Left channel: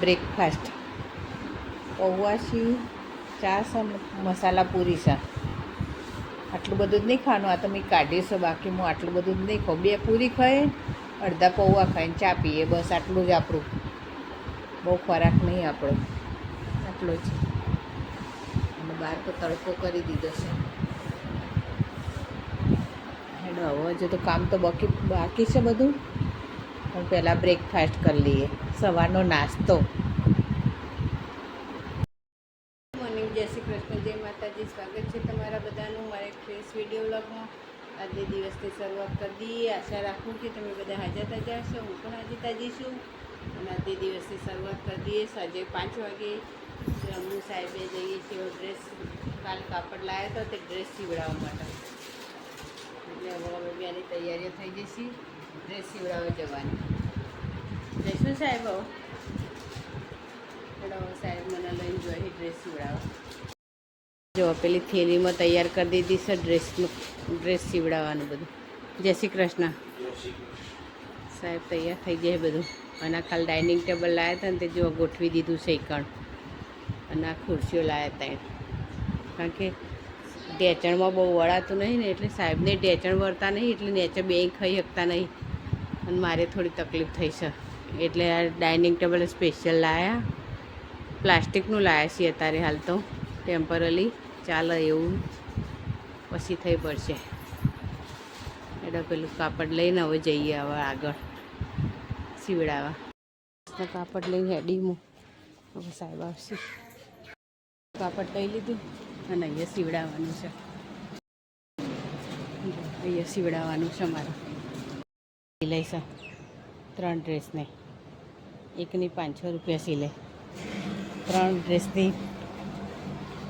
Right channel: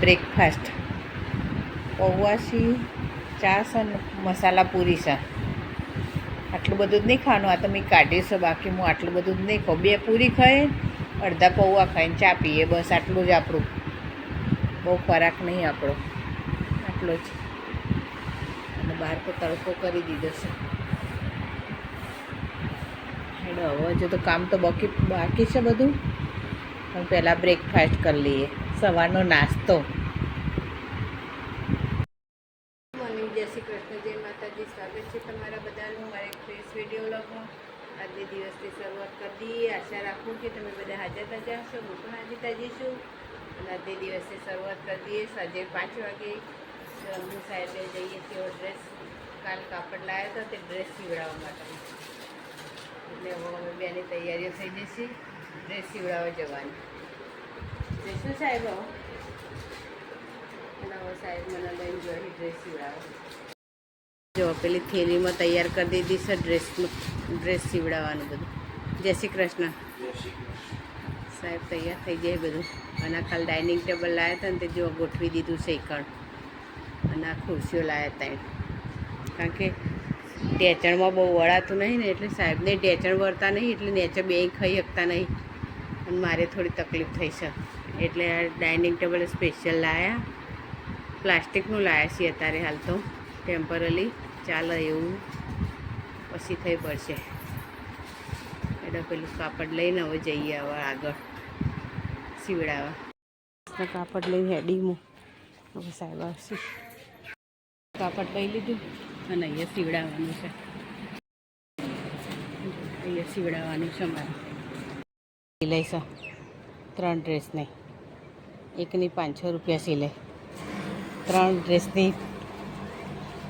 Breakfast પૌવા છે, ચા છે ને મસાલા પૂરી છે. આટલું બધું જ નહીં ખાવાનું, આ તો મેં કાઢીશું, બાકી હું આટલું બધું જ નહીં ખાઉં. 2 પૂરી ખાઈએ, અડધા પૌવા ખાઈને ચા પીએ, બસ આટલું જ આપણું. બહુ ખોરાક નહીં આપણો, આટલો જ. અને બહાર તો તડકો કરી દીધો છે. હેડો હવે હજુ તો કામ તો બાકી છે બધું, પણ પહેલાં બ્રેકફાસ્ટ કરી લઈએ, સવારનો નાસ્તો. મોર્નિંગ, જય શ્રી કૃષ્ણ, જય માતાજી. સ્વાગત છે તમારા બધાનું મારા એક ફ્રેશ વિડીયો વ્લોગમાં. આજે દિવસની શરૂઆત કરી દઈએ. આશા રાખું કે તમે બધા હાજર તાજા હશો, હું પણ હાજર તાજી છું. અને આજે દિવસની શરૂઆત કરી દઈએ. સાંજે 5 વાગે રમુ સાહેબે જઈએ છીએ ડ્રેસ, કાલ કાપડ લાવ્યો હતો તે ડ્રેસ સીવડાવવા માટે. એટલે હવે અમે બેની તૈયારીઓ થઈ જઈશી ડ્રેસ સીવડાવવા જવાની. જઈશું સાહેબ? હવે સાહેબ મને લઈને જોઈએ ડ્રેસ સીવડાવવા. જો પેલી થેલીમાં તૈયાર કરી દીધી છે ડ્રેસ સીવડાવવાનું બધું. જય શ્રી કૃષ્ણ. સાહેબ તૈયાર થઈ જાય બધું. અને આ ખાલી ડાઇનિંગ ટેબલ લાવ્યા હતા ને તે જો ગોઠવી દીધું છે એકણ. અને આ ખુરશીઓ લાવ્યા હતા, કારણ કે ઢેચણમાં બહુ વળાતું નહીં ને, એટલે સાહેબને ઢેચણ વળતા નહીં, એટલે નેચે બે ખાઈ શકતા નહીં. અને મારે થોડી તકલીફ થઈ છે, એટલે આ ડાઇનિંગ ટેબલ સ્પેશિયલ લાવ્યા. પ્લાસ્ટિકનું લાવ્યા છીએ અત્યારે હાલ તો, ટેમ્પરરી ચાલે એવું, પછી થઈ પડશે. એટલે પેલું કાપડ લઈને હવે જઈએ હવે આગળ સીવડાવવા. કાપડ લઈને હેડીમાં હવે સાહેબ આવશે. કાપડ લઈ લીધું અને અહીંયા સીવડાવવાનું છે. અહીંયા સીવડાવવાનું છે મારે. સિલાઈ છે 3 ડ્રેસની, એકની 500 રૂપિયા સિલાઈ, 3 ડ્રેસની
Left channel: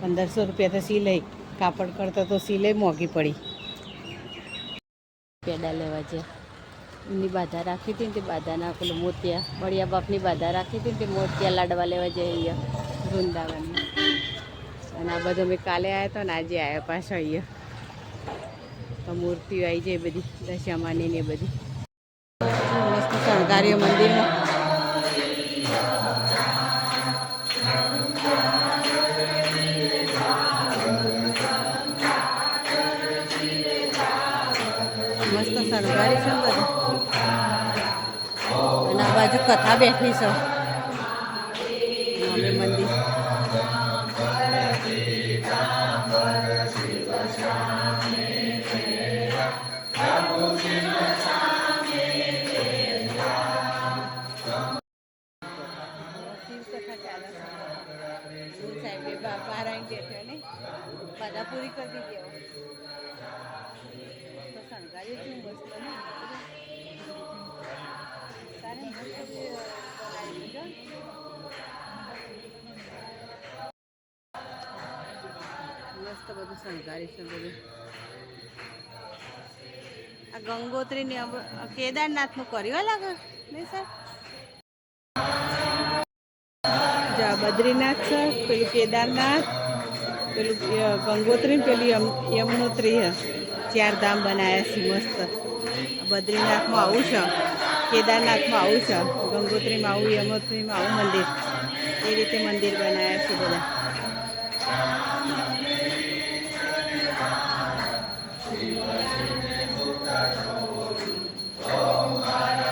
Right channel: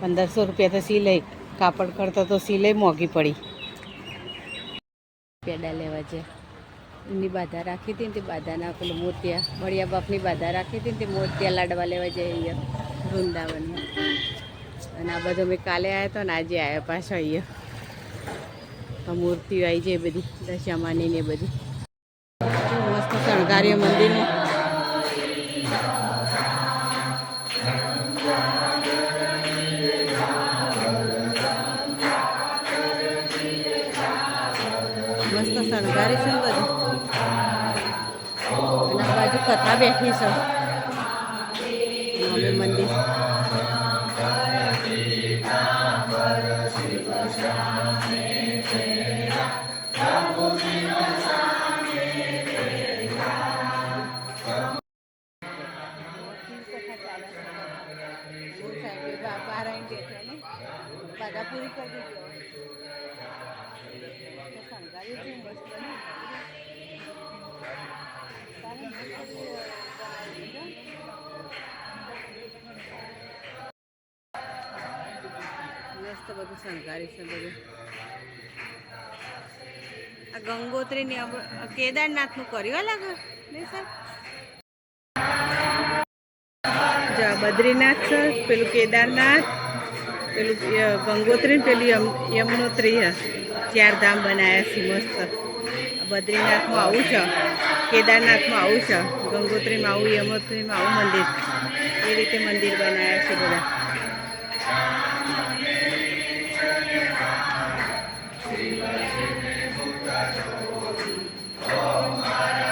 1500 રૂપિયા તો સિલાઈ. કાપડ કરતાં તો સિલાઈ મોંઘી પડી. પેડા લેવા છે, એની બાધા રાખી હતી ને તે બાધાના પેલું મોતિયા, બળિયા બાપની બાધા રાખી હતી ને તે મોતિયા લાડવા લેવા જઈએ અહીંયા વૃંદાવનમાં. અને આ બધો મેં કાલે આવ્યા હતો ને આજે આવ્યા પાછો અહીંયા. મૂર્તિઓ આવી જાય બધી દશામાની ને બધી મસ્ત શણગારીઓ મંદિરમાં. મસ્ત શણગારી છે ને બધું. અને આ બાજુ કથા બેઠી છે. અમે મંદિર બહાર આવીને બેઠા ને બાધા પૂરી કરી દીધી. હવે શણગારી છે મસ્ત ને, તારે મસ્ત બનાવી દીધો. મસ્ત બધું શણગારી છે બધું. આ ગંગોત્રીની કેદારનાથનું કર્યું લાગે નહીં સાહેબ? જા બદ્રીનાથ છે, પેલું કેદારનાથ, પેલું ગંગોત્રી ને પેલું યમનોત્રી છે. 4 ધામ બનાવ્યા છે મસ્ત. બદ્રીનાથમાં આવું છે, કેદારનાથમાં આવું છે, ગંગોત્રીમાં આવું, યમનોત્રીમાં આવું મંદિર. એ રીતે મંદિર બનાવ્યા છે બધા.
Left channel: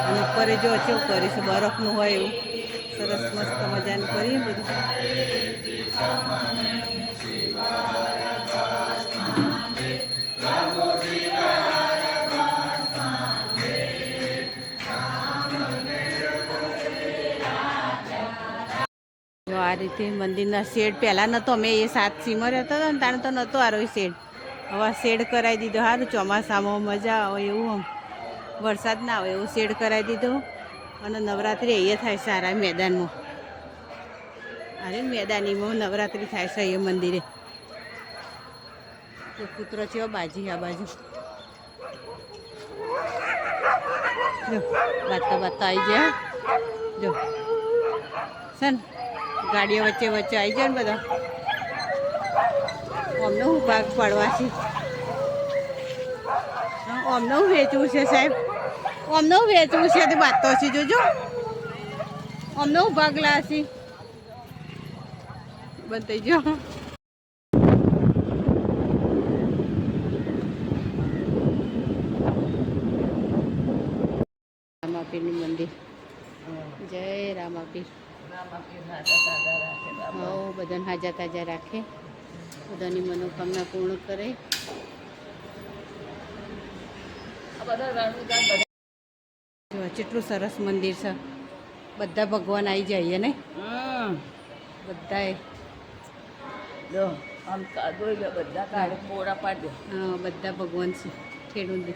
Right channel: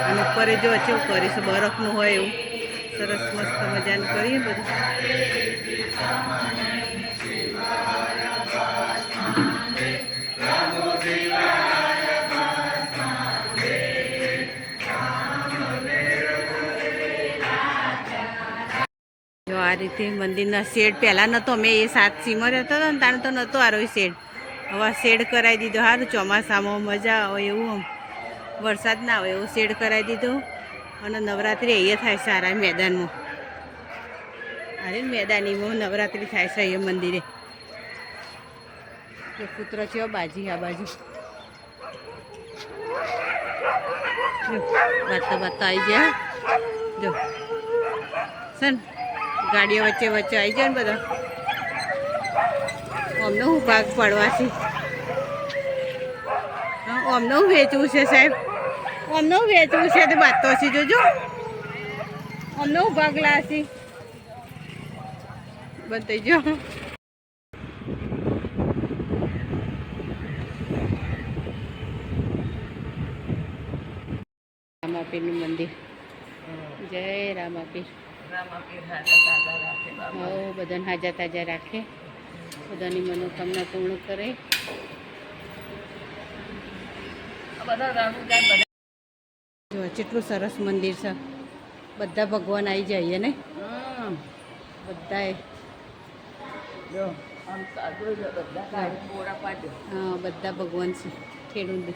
અને ઉપર જો કેવું કરીશું, બરફનું હોય એવું સરસ મસ્ત મજાનું કરીએ બધું. જો આ રીતે મંદિરના શેડ પહેલાં નહોતો, અમે એ 7 સીમર હતો ને તાણે તો નહોતો આરો શેડ. હવે શેડ કરાવી દીધો. સારું ચોમાસામાં મજા આવે એવું, વરસાદ ના આવે એવું શેડ કરાવી દીધો. અને નવરાત્રિ અહીંયા થાય છે સારા મેદાનમાં. અરે મેદાનીમાં નવરાત્રિ થાય છે અહીંયા મંદિરે. જો પુત્રો છે બાજી આ બાજુ. જો બાતા આવી ગયા. જો સન ગાડીઓ વચ્ચે આવી જાય ને બધા. અમને હું ભાગ પાડવાથી, અમને હું વેચવું છે સાહેબ, અમને હું વેચવું છે તે વાત તો છે. જોજો અમને ભાગલા છે બંધ થઈ ગયો. રામાપીરનું મંદિર. જય રામાપીર. બધાને હાજા તાજા રાખે, બધાની મનોકામના પૂર્ણ કરે. જો કેટલું સરસ મંદિર છે. બધા ભગવાન આવી જાય ને બધાએ. હા બધા ભગવાન છે ખેડૂત.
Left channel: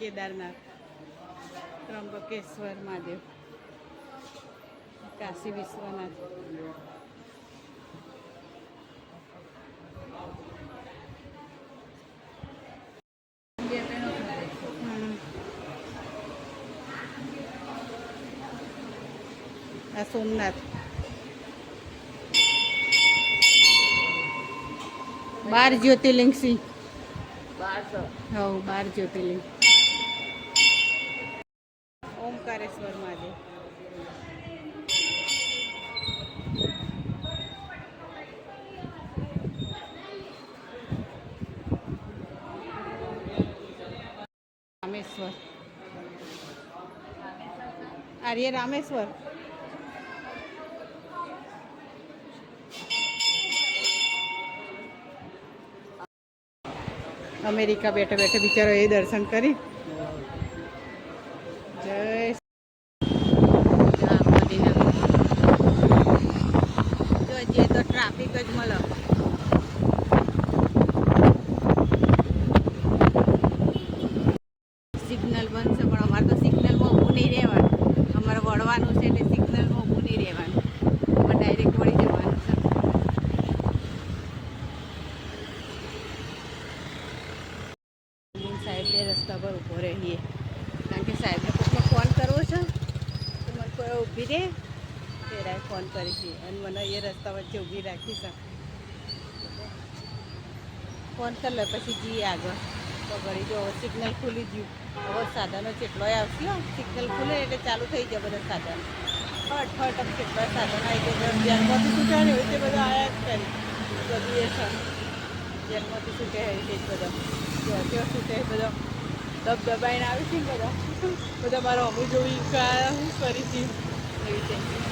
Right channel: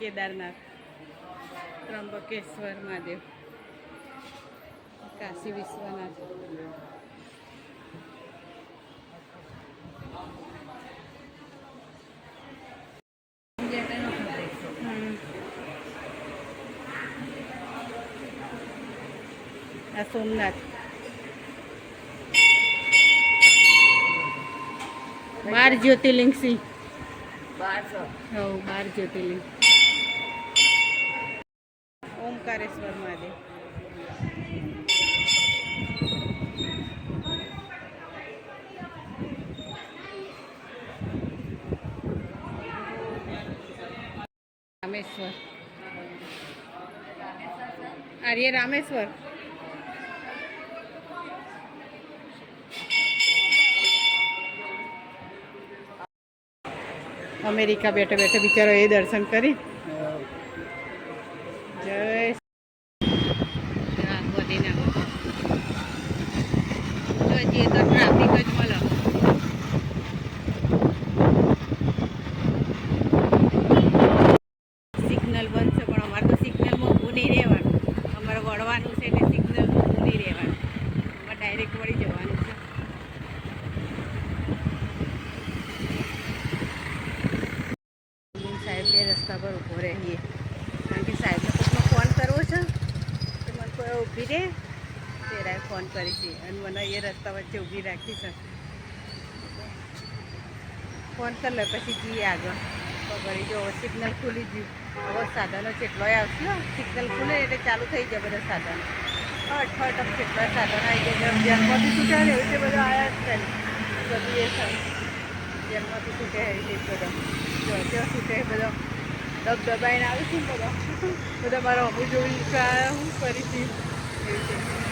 કેદારનાથ, ત્રંબકેશ્વર મહાદેવ, કાશી વિશ્વનાથ. આ સોમનાથ. 12 જ્યોતિર્લિંગ સિંહ. 12 જ્યોતિર્લિંગ. ઓમકારેશ્વર મહાદેવ. રામેશ્વર. આર્ય રામેશ્વર. અમેરિકા બેઠા બેઠા બિચારો એ દર્શન કરી. જય મદીના. જો જે તો ટ્રાફિક જ મળે. સિગ્નલ બંધ છે પણ અમારે તો સિગ્નલમાં ઊભું નહીં રહેવાનું. અમારે વળવાનું છે એટલે સિગ્નલમાં ઊભું નહીં રહેવાનું, પણ ડાયરેક્ટ વળી જવાનું છે. સાહેબ બે રસ્તા પર ઊભો રહીએ કારણ કે સાહેબને કોઈકનો ફોન કરવો છે તો મને કોઈ ઊભી રહે ત્યારે ફોન કરી છે અને મને એ રસ્તા વચ્ચે ઊભી રાખી છે. ફોન કરી લે પછી જઈએ આગળ. તો ઘડી જો સિગ્નલ ખુલી ગયું. હવે સાધનો કેટલોય આવશે. સિગ્નલ ખુલે એટલે ચાલુ થઈ જાય બધા સાધનો. હટ કેટલાય સાધનો આવી ગયા. જેલમાંથી છૂટ્યા ને એવું તે બધા આવ્યા જ કરે. બધું એ છે જેલમાંથી છૂટે એવી રીતે બધા. જો ત્યાં છૂટે બધા દબાઈને આવે છે ને બધા મારો અમુ જોઈ હું કરી હતી એવી રીતે.